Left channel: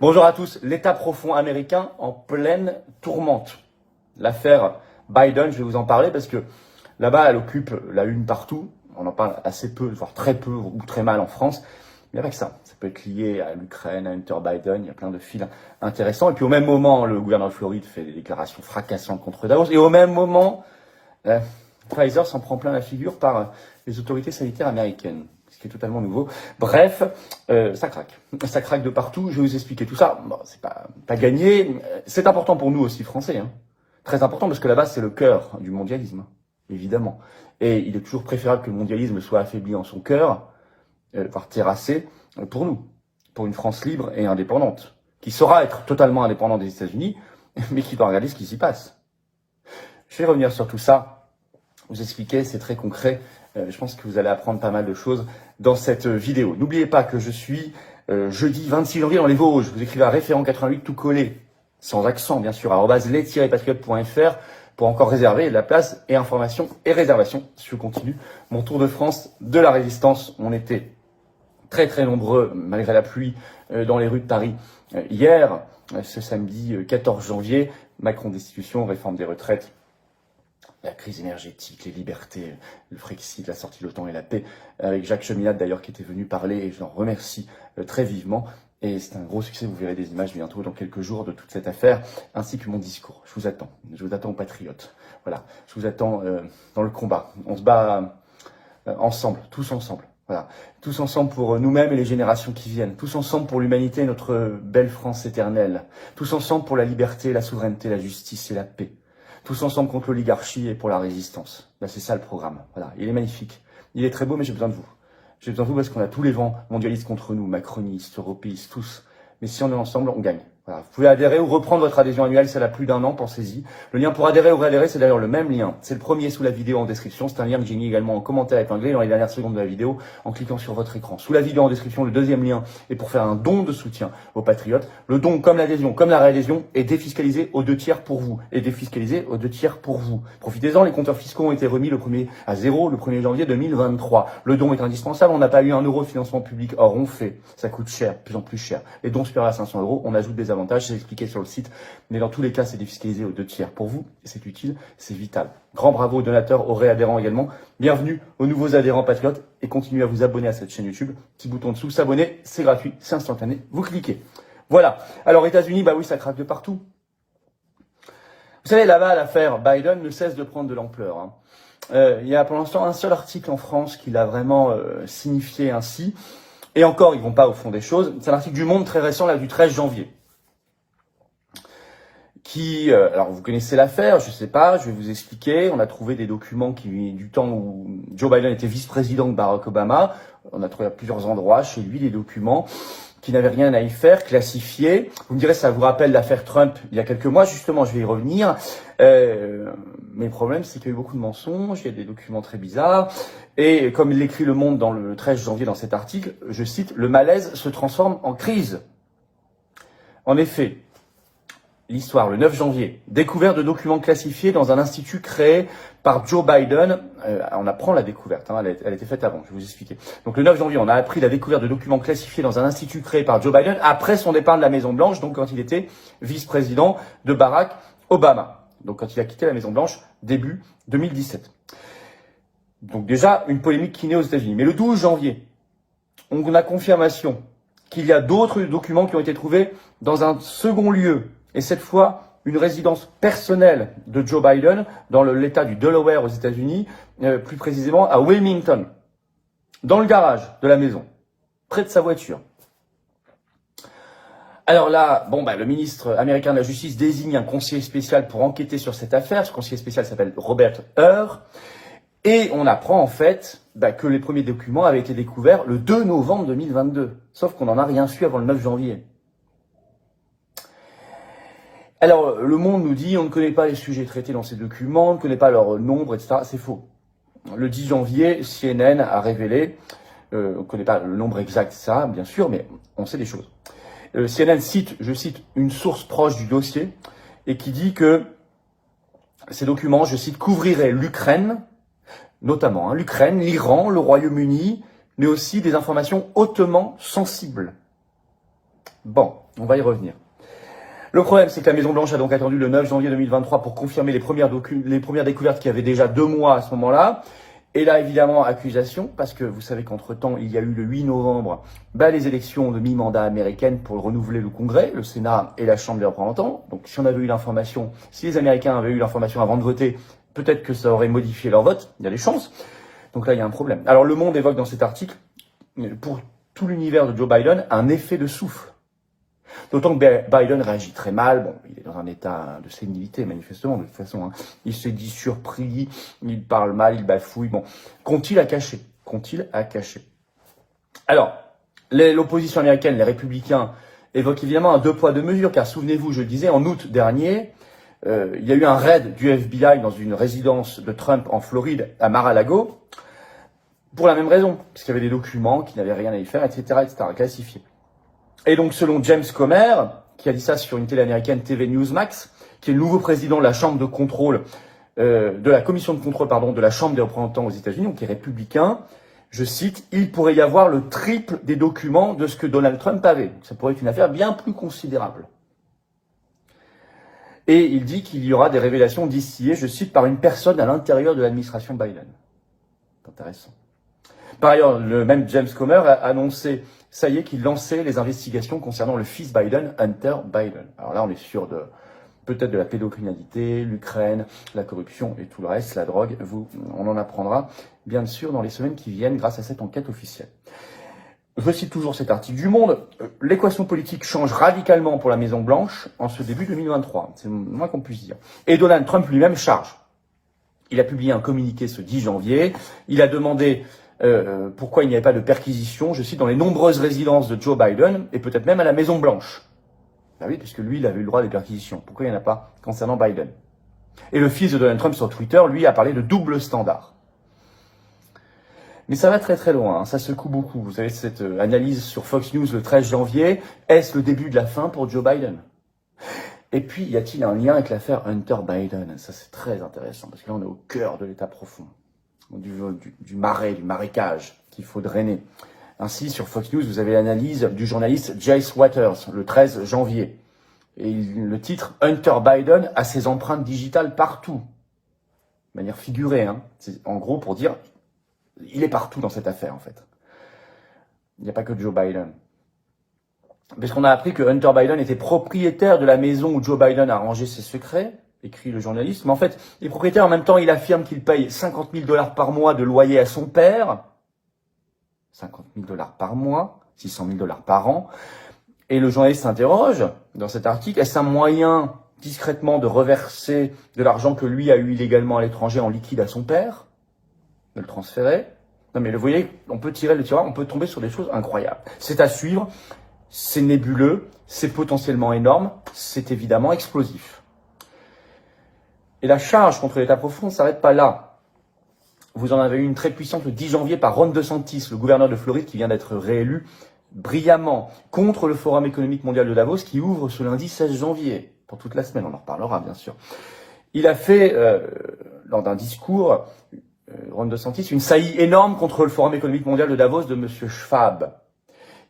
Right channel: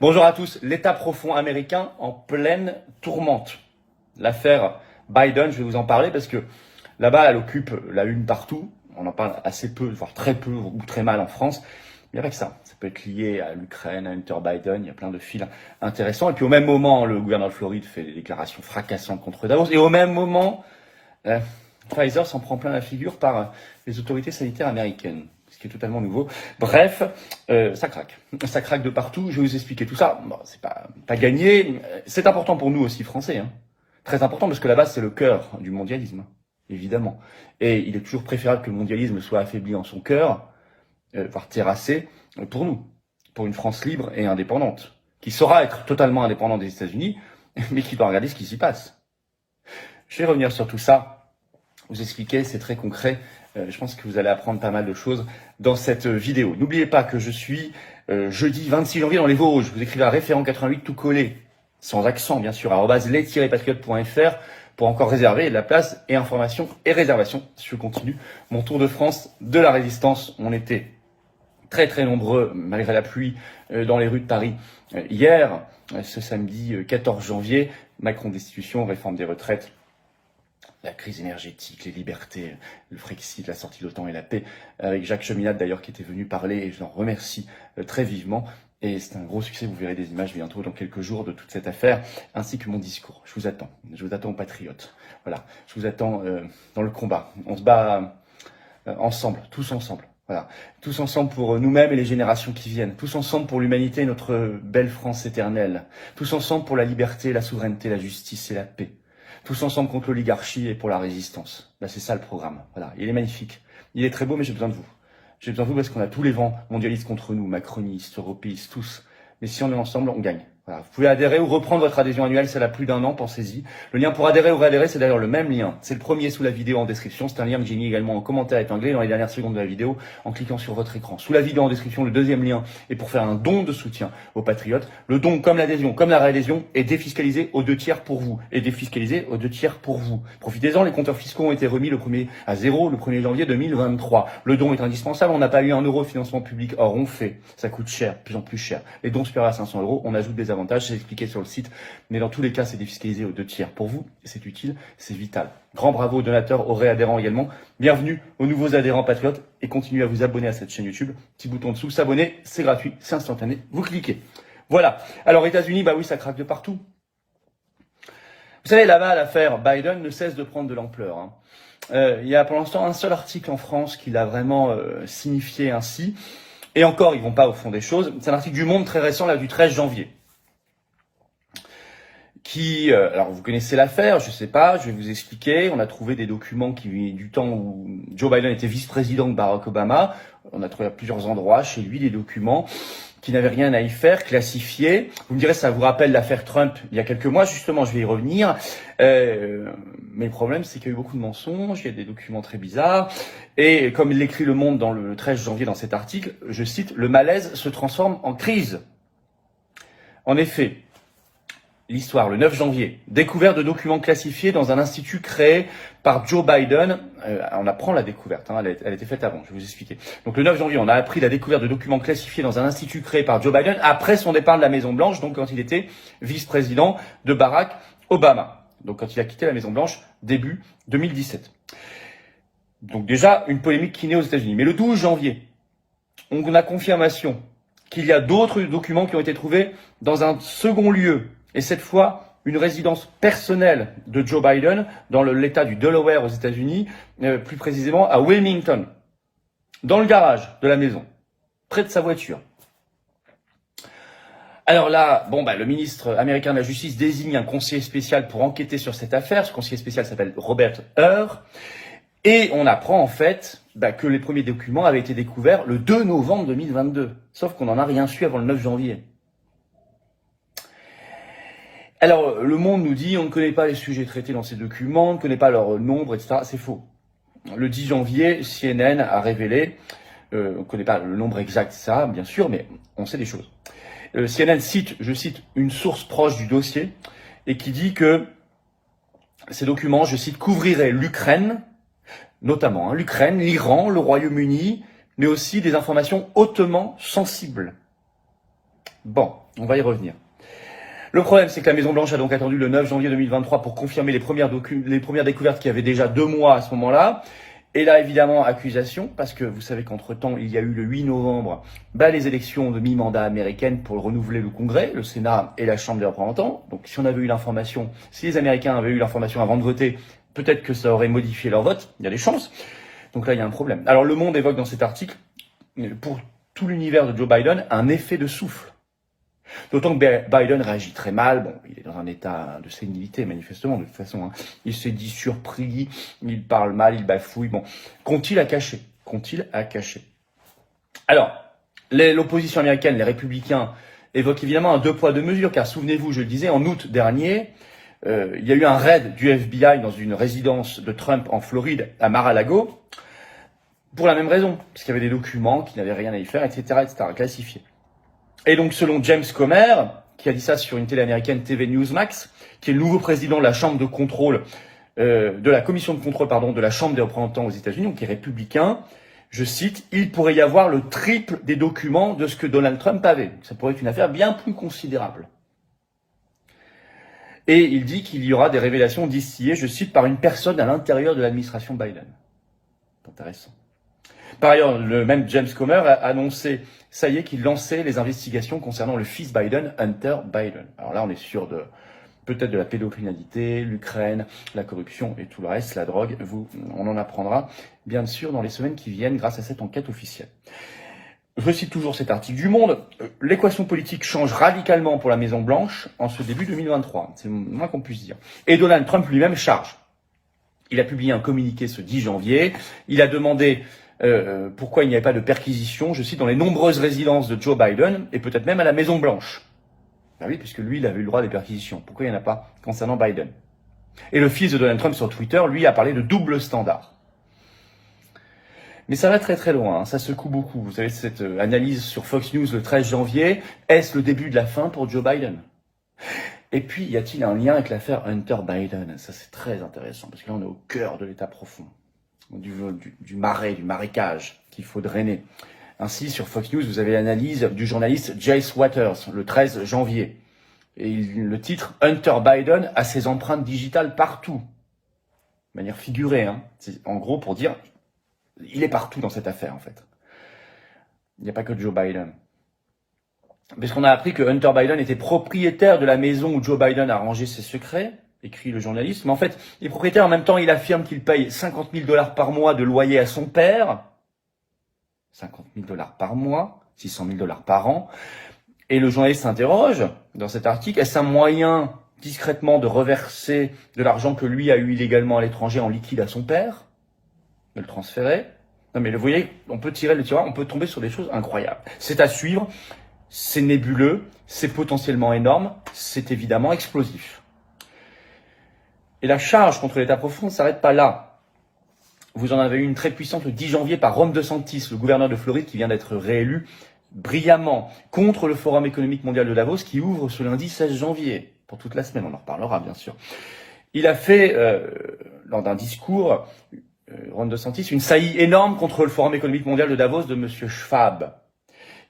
Bonjour à tous. L'État profond américain en pleine tourmente. L'affaire Biden, je vais vous en parler parce que là-bas, elle occupe la une partout. On en parle assez peu, voire très peu ou très mal en France. Mais avec ça peut être lié à l'Ukraine, à Hunter Biden. Il y a plein de fils intéressants. Et puis au même moment, le gouverneur de Floride fait des déclarations fracassantes contre Davos. Et au même moment, Pfizer s'en prend plein la figure par les autorités sanitaires américaines. Ce qui est totalement nouveau. Bref, ça craque. Ça craque de partout. Je vais vous expliquer tout ça. Bon, c'est pas gagné. C'est important pour nous aussi, Français. Hein. Très important parce que là-bas, c'est le cœur du mondialisme, évidemment. Et il est toujours préférable que le mondialisme soit affaibli en son cœur, voire terrassé, pour nous. Pour une France libre et indépendante, qui saura être totalement indépendante des États-Unis, mais qui doit regarder ce qui s'y passe. Je vais revenir sur tout ça, vous expliquer, c'est très concret. Je pense que vous allez apprendre pas mal de choses dans cette vidéo. N'oubliez pas que je suis jeudi 26 janvier dans les Vosges. Vous écrivez à référent 88 tout collé, sans accent bien sûr, @les-patriotes.fr pour encore réserver la place et information et réservation. Je continue mon tour de France de la résistance. On était très très nombreux, malgré la pluie, dans les rues de Paris hier, ce samedi 14 janvier. Macron destitution, réforme des retraites, la crise énergétique, les libertés, le Frexit, la sortie de l'OTAN et la paix, avec Jacques Cheminade d'ailleurs qui était venu parler et je l'en remercie très vivement. Et c'est un gros succès, vous verrez des images bientôt dans quelques jours de toute cette affaire, ainsi que mon discours. Je vous attends aux patriotes. Voilà, je vous attends dans le combat. On se bat ensemble, tous ensemble. Voilà, tous ensemble pour nous-mêmes et les générations qui viennent. Tous ensemble pour l'humanité et notre belle France éternelle. Tous ensemble pour la liberté, la souveraineté, la justice et la paix. Tous ensemble contre l'oligarchie et pour la résistance. Là, c'est ça le programme. Voilà, il est magnifique. Il est très beau, mais j'ai besoin de vous. J'ai besoin de vous parce qu'on a tous les vents mondialistes contre nous, macronistes, européistes, tous. Mais si on est ensemble, on gagne. Voilà. Vous pouvez adhérer ou reprendre votre adhésion annuelle, c'est là plus d'1 an, pensez-y. Le lien pour adhérer ou réadhérer, c'est d'ailleurs le même lien. C'est le premier sous la vidéo en description. C'est un lien que j'ai mis également en commentaire épinglé dans les dernières secondes de la vidéo en cliquant sur votre écran. Sous la vidéo en description, le deuxième lien est pour faire un don de soutien aux patriotes. Le don, comme l'adhésion, comme la réadhésion, est défiscalisé aux 2 tiers pour vous. Et défiscalisé aux 2 tiers pour vous. Profitez-en, les compteurs fiscaux ont été remis le 1er janvier 2023. Le don est indispensable. On n'a pas eu 1 euro de financement public. Or, on fait. Ça coûte cher, de plus en plus cher. Les dons supérieurs à 500 euros, on ajoute des avantages. C'est expliqué sur le site, mais dans tous les cas, c'est défiscalisé aux 2 tiers pour vous, c'est utile, c'est vital. Grand bravo aux donateurs, aux réadhérents également. Bienvenue aux nouveaux adhérents patriotes et continuez à vous abonner à cette chaîne YouTube. Petit bouton dessous, s'abonner, c'est gratuit, c'est instantané, vous cliquez. Voilà. Alors, États-Unis, bah oui, ça craque de partout. Vous savez, là-bas, l'affaire Biden ne cesse de prendre de l'ampleur. Hein. Il y a pour l'instant un seul article en France qui l'a vraiment signifié ainsi. Et encore, ils vont pas au fond des choses. C'est un article du Monde très récent, là, du 13 janvier. Alors vous connaissez l'affaire, je sais pas, je vais vous expliquer. On a trouvé des documents du temps où Joe Biden était vice-président de Barack Obama. On a trouvé à plusieurs endroits chez lui des documents qui n'avaient rien à y faire, classifiés. Vous me direz, ça vous rappelle l'affaire Trump il y a quelques mois, justement, je vais y revenir. Mais le problème, c'est qu'il y a eu beaucoup de mensonges, il y a des documents très bizarres. Et comme l'écrit Le Monde dans le 13 janvier dans cet article, je cite, « Le malaise se transforme en crise ». En effet, l'histoire, le 9 janvier, découverte de documents classifiés dans un institut créé par Joe Biden. On apprend la découverte, hein, elle a été faite avant, je vais vous expliquer. Donc le 9 janvier, on a appris la découverte de documents classifiés dans un institut créé par Joe Biden après son départ de la Maison-Blanche, donc quand il était vice-président de Barack Obama. Donc quand il a quitté la Maison-Blanche, début 2017. Donc déjà, une polémique qui naît aux États-Unis. Mais le 12 janvier, on a confirmation qu'il y a d'autres documents qui ont été trouvés dans un second lieu. Et cette fois, une résidence personnelle de Joe Biden dans l'État du Delaware aux États-Unis, plus précisément à Wilmington, dans le garage de la maison, près de sa voiture. Alors là, le ministre américain de la Justice désigne un conseiller spécial pour enquêter sur cette affaire. Ce conseiller spécial s'appelle Robert Hur. Et on apprend en fait que les premiers documents avaient été découverts le 2 novembre 2022. Sauf qu'on n'en a rien su avant le 9 janvier. Alors, Le Monde nous dit on ne connaît pas les sujets traités dans ces documents, on ne connaît pas leur nombre, etc. C'est faux. Le 10 janvier, CNN a révélé, on ne connaît pas le nombre exact, ça, bien sûr, mais on sait des choses. CNN cite, je cite, une source proche du dossier et qui dit que ces documents, je cite, couvriraient l'Ukraine, notamment l'Ukraine, l'Iran, le Royaume-Uni, mais aussi des informations hautement sensibles. Bon, on va y revenir. Le problème, c'est que la Maison-Blanche a donc attendu le 9 janvier 2023 pour confirmer les premières découvertes qui avaient déjà 2 mois à ce moment-là. Et là, évidemment, accusation, parce que vous savez qu'entre-temps, il y a eu le 8 novembre les élections de mi-mandat américaines pour renouveler le Congrès, le Sénat et la Chambre des représentants. Donc si on avait eu l'information, si les Américains avaient eu l'information avant de voter, peut-être que ça aurait modifié leur vote, il y a des chances. Donc là, il y a un problème. Alors Le Monde évoque dans cet article, pour tout l'univers de Joe Biden, un effet de souffle. D'autant que Biden réagit très mal. Bon, il est dans un état de sénilité, manifestement, de toute façon. Hein. Il s'est dit surpris, il parle mal, il bafouille. Bon, qu'ont-ils à cacher? Alors, l'opposition américaine, les républicains, évoquent évidemment un 2 poids 2 mesures, car souvenez-vous, je le disais, en août dernier, il y a eu un raid du FBI dans une résidence de Trump en Floride, à Mar-a-Lago, pour la même raison, parce qu'il y avait des documents qui n'avaient rien à y faire, etc., classifiés. Et donc, selon James Comer, qui a dit ça sur une télé américaine TV Newsmax, qui est le nouveau président de la Chambre de contrôle, de la commission de contrôle, de la Chambre des représentants aux États-Unis, donc qui est républicain, je cite, il pourrait y avoir le triple des documents de ce que Donald Trump avait. Ça pourrait être une affaire bien plus considérable. Et il dit qu'il y aura des révélations distillées, je cite, par une personne à l'intérieur de l'administration Biden. C'est intéressant. Par ailleurs, le même James Comer a annoncé, ça y est, qu'il lançait les investigations concernant le fils Biden, Hunter Biden. Alors là, on est sûr de peut-être de la pédocriminalité, l'Ukraine, la corruption et tout le reste, la drogue. On en apprendra bien sûr dans les semaines qui viennent grâce à cette enquête officielle. Je cite toujours cet article du Monde. L'équation politique change radicalement pour la Maison-Blanche en ce début 2023. C'est le moins qu'on puisse dire. Et Donald Trump lui-même charge. Il a publié un communiqué ce 10 janvier. Il a demandé pourquoi il n'y avait pas de perquisition, je cite, dans les nombreuses résidences de Joe Biden et peut-être même à la Maison-Blanche. Ben oui, puisque lui, il avait eu le droit des perquisitions. Pourquoi il n'y en a pas concernant Biden? Et le fils de Donald Trump sur Twitter, lui, a parlé de double standard. Mais ça va très très loin, hein. Ça secoue beaucoup. Vous savez, cette analyse sur Fox News le 13 janvier, est-ce le début de la fin pour Joe Biden? Et puis, y a-t-il un lien avec l'affaire Hunter Biden? Ça, c'est très intéressant, parce que là, on est au cœur de l'état profond. Du marais, du marécage qu'il faut drainer. Ainsi, sur Fox News, vous avez l'analyse du journaliste Jace Waters, le 13 janvier. Et le titre « Hunter Biden a ses empreintes digitales partout ». De manière figurée, hein. C'est en gros pour dire, il est partout dans cette affaire, en fait. Il n'y a pas que Joe Biden. Parce qu'on a appris que Hunter Biden était propriétaire de la maison où Joe Biden a rangé ses secrets, écrit le journaliste, mais en fait, il est propriétaire, en même temps, il affirme qu'il paye 50 000 $ par mois de loyer à son père. 50 000 $ par mois, 600 000 $ par an. Et le journaliste s'interroge, dans cet article, est-ce un moyen, discrètement, de reverser de l'argent que lui a eu illégalement à l'étranger en liquide à son père? De le transférer? Non mais vous voyez, on peut tirer le tiroir, on peut tomber sur des choses incroyables. C'est à suivre, c'est nébuleux, c'est potentiellement énorme, c'est évidemment explosif. Et la charge contre l'État profond ne s'arrête pas là. Vous en avez eu une très puissante le 10 janvier par Ron DeSantis, le gouverneur de Floride qui vient d'être réélu brillamment contre le Forum économique mondial de Davos qui ouvre ce lundi 16 janvier. Pour toute la semaine, on en reparlera bien sûr. Il a fait, lors d'un discours, Ron DeSantis, une saillie énorme contre le Forum économique mondial de Davos de M. Schwab.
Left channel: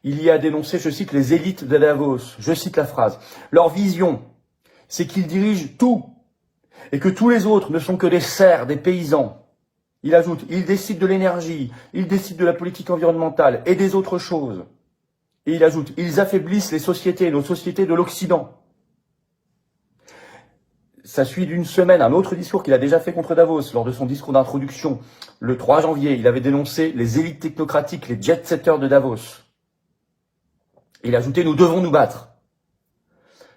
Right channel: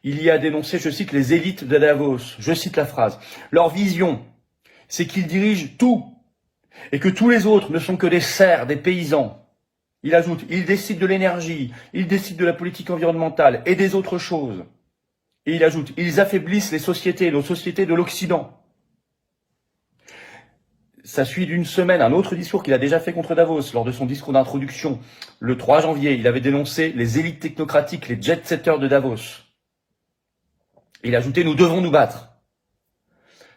Il y a dénoncé, je cite, les élites de Davos. Je cite la phrase. Leur vision, c'est qu'ils dirigent tout. Et que tous les autres ne sont que des serfs, des paysans. Il ajoute, ils décident de l'énergie, ils décident de la politique environnementale et des autres choses. Et il ajoute, ils affaiblissent les sociétés, nos sociétés de l'Occident. Ça suit d'une semaine un autre discours qu'il a déjà fait contre Davos. Lors de son discours d'introduction, le 3 janvier, il avait dénoncé les élites technocratiques, les jet-setters de Davos. Il a ajouté, nous devons nous battre.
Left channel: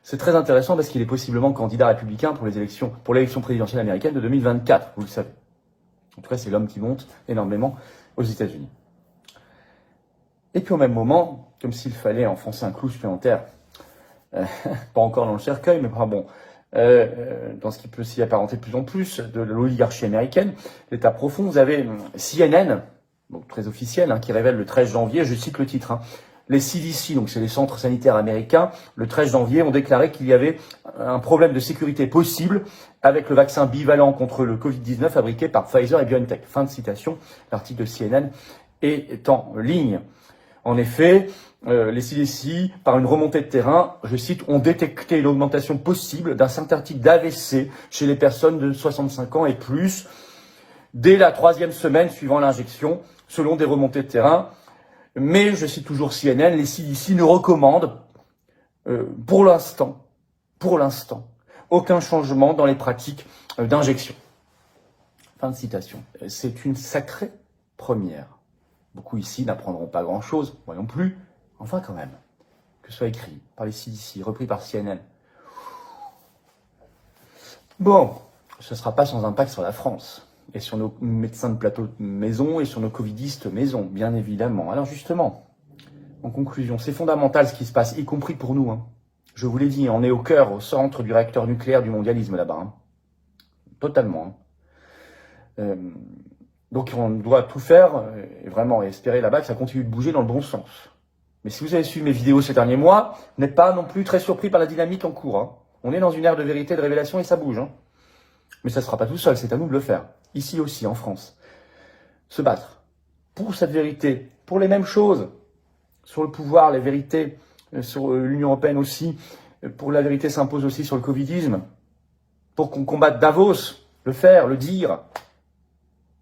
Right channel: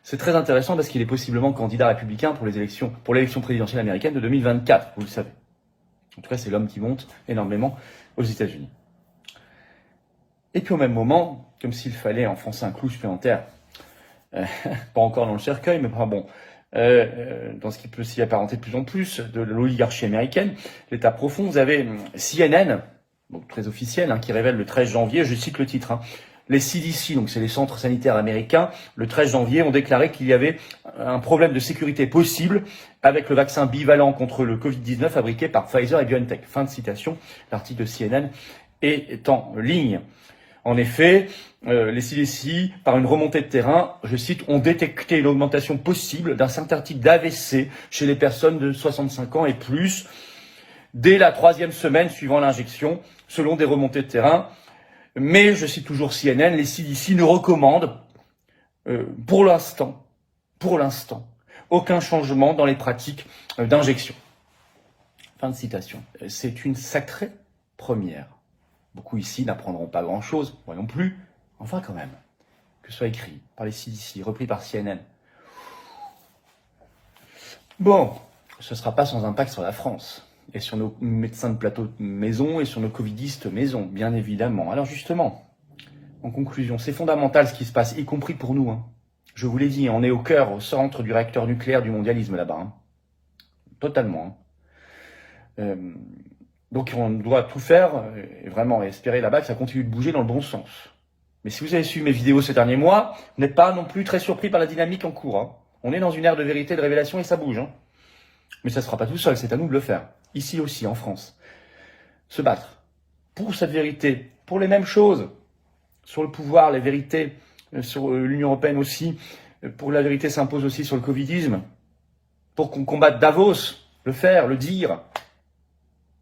C'est très intéressant parce qu'il est possiblement candidat républicain pour l'élection présidentielle américaine de 2024, vous le savez. En tout cas, c'est l'homme qui monte énormément aux États-Unis. Et puis au même moment, comme s'il fallait enfoncer un clou supplémentaire, pas encore dans le cercueil, mais bon, dans ce qui peut s'y apparenter de plus en plus de l'oligarchie américaine, l'État profond, vous avez CNN, donc très officiel, hein, qui révèle le 13 janvier, je cite le titre, hein, les CDC, donc c'est les centres sanitaires américains, le 13 janvier, ont déclaré qu'il y avait un problème de sécurité possible avec le vaccin bivalent contre le Covid-19 fabriqué par Pfizer et BioNTech. Fin de citation, l'article de CNN est en ligne. En effet, les CDC, par une remontée de terrain, je cite, ont détecté une augmentation possible d'un certain type d'AVC chez les personnes de 65 ans et plus dès la 3e semaine suivant l'injection, selon des remontées de terrain. Mais, je cite toujours CNN, les CDC ne recommandent pour l'instant, aucun changement dans les pratiques d'injection. Fin de citation. C'est une sacrée première. Beaucoup ici n'apprendront pas grand-chose, moi non plus, enfin quand même. Que ce soit écrit par les CDC, repris par CNN. Bon, ce ne sera pas sans impact sur la France, et sur nos médecins de plateau maison, et sur nos covidistes maison, bien évidemment. Alors justement, en conclusion, c'est fondamental ce qui se passe, y compris pour nous. Je vous l'ai dit, on est au cœur, au centre du réacteur nucléaire du mondialisme là-bas. Totalement. Donc on doit tout faire, et vraiment espérer là-bas que ça continue de bouger dans le bon sens. Mais si vous avez suivi mes vidéos ces derniers mois, vous n'êtes pas non plus très surpris par la dynamique en cours. On est dans une ère de vérité, de révélation, et ça bouge. Mais ça ne se fera pas tout seul, c'est à nous de le faire. Ici aussi, en France. Se battre pour cette vérité, pour les mêmes choses, sur le pouvoir, les vérités, sur l'Union européenne aussi, pour la vérité s'impose aussi sur le covidisme, pour qu'on combatte Davos, le faire, le dire,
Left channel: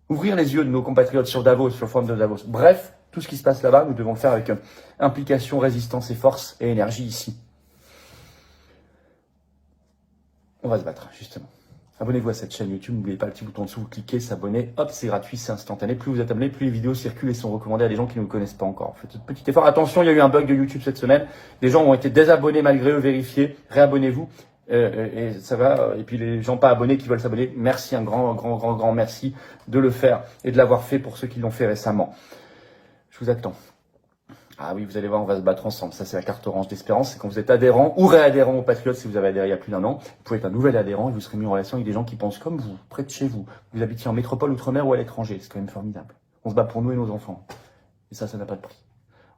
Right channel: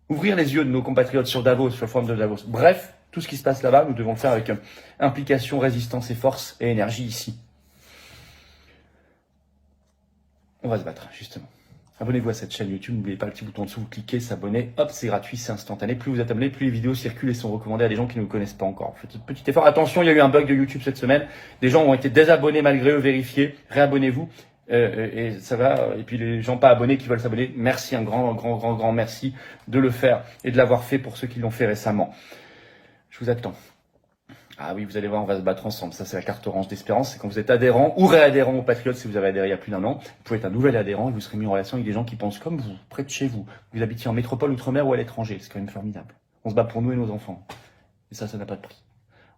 ouvrir les yeux de nos compatriotes sur Davos, sur le forum de Davos. Bref, tout ce qui se passe là-bas, nous devons le faire avec implication, résistance et force et énergie ici. On va se battre, justement. Abonnez-vous à cette chaîne YouTube, n'oubliez pas le petit bouton en dessous, vous cliquez, s'abonner, hop, c'est gratuit, c'est instantané. Plus vous êtes abonné, plus les vidéos circulent et sont recommandées à des gens qui ne nous connaissent pas encore. Faites un petit effort. Attention, il y a eu un bug de YouTube cette semaine. Des gens ont été désabonnés malgré eux, vérifiez, réabonnez-vous. Et ça va. Et puis les gens pas abonnés qui veulent s'abonner, merci, un grand merci de le faire et de l'avoir fait pour ceux qui l'ont fait récemment. Je vous attends. Ah oui, vous allez voir, on va se battre ensemble. Ça, c'est la carte orange d'espérance. C'est quand vous êtes adhérent ou réadhérent aux Patriotes, si vous avez adhéré il y a plus d'1 an. Vous pouvez être un nouvel adhérent et vous serez mis en relation avec des gens qui pensent comme vous, près de chez vous. Vous habitiez en métropole, outre-mer ou à l'étranger. C'est quand même formidable. On se bat pour nous et nos enfants. Et ça n'a pas de prix.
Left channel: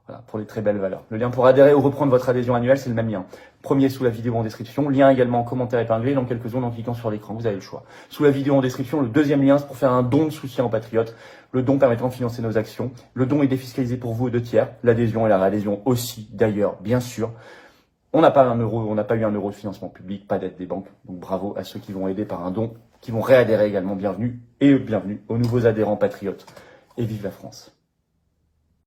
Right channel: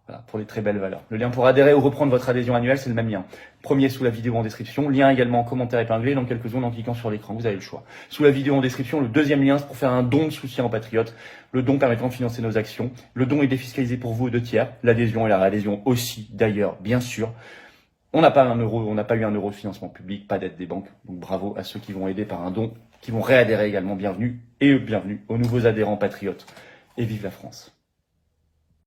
Voilà, pour les très belles valeurs. Le lien pour adhérer ou reprendre votre adhésion annuelle, c'est le même lien. Premier sous la vidéo en description. Lien également en commentaire épinglé dans quelques secondes en cliquant sur l'écran. Vous avez le choix. Sous la vidéo en description, le deuxième lien, c'est pour faire un don de soutien aux Patriotes. Le don permettant de financer nos actions. Le don est défiscalisé pour vous aux 2/3. L'adhésion et la réadhésion aussi, d'ailleurs, bien sûr. On n'a pas eu un euro de financement public, pas d'aide des banques. Donc bravo à ceux qui vont aider par un don, qui vont réadhérer également. Bienvenue aux nouveaux adhérents Patriotes. Et vive la France.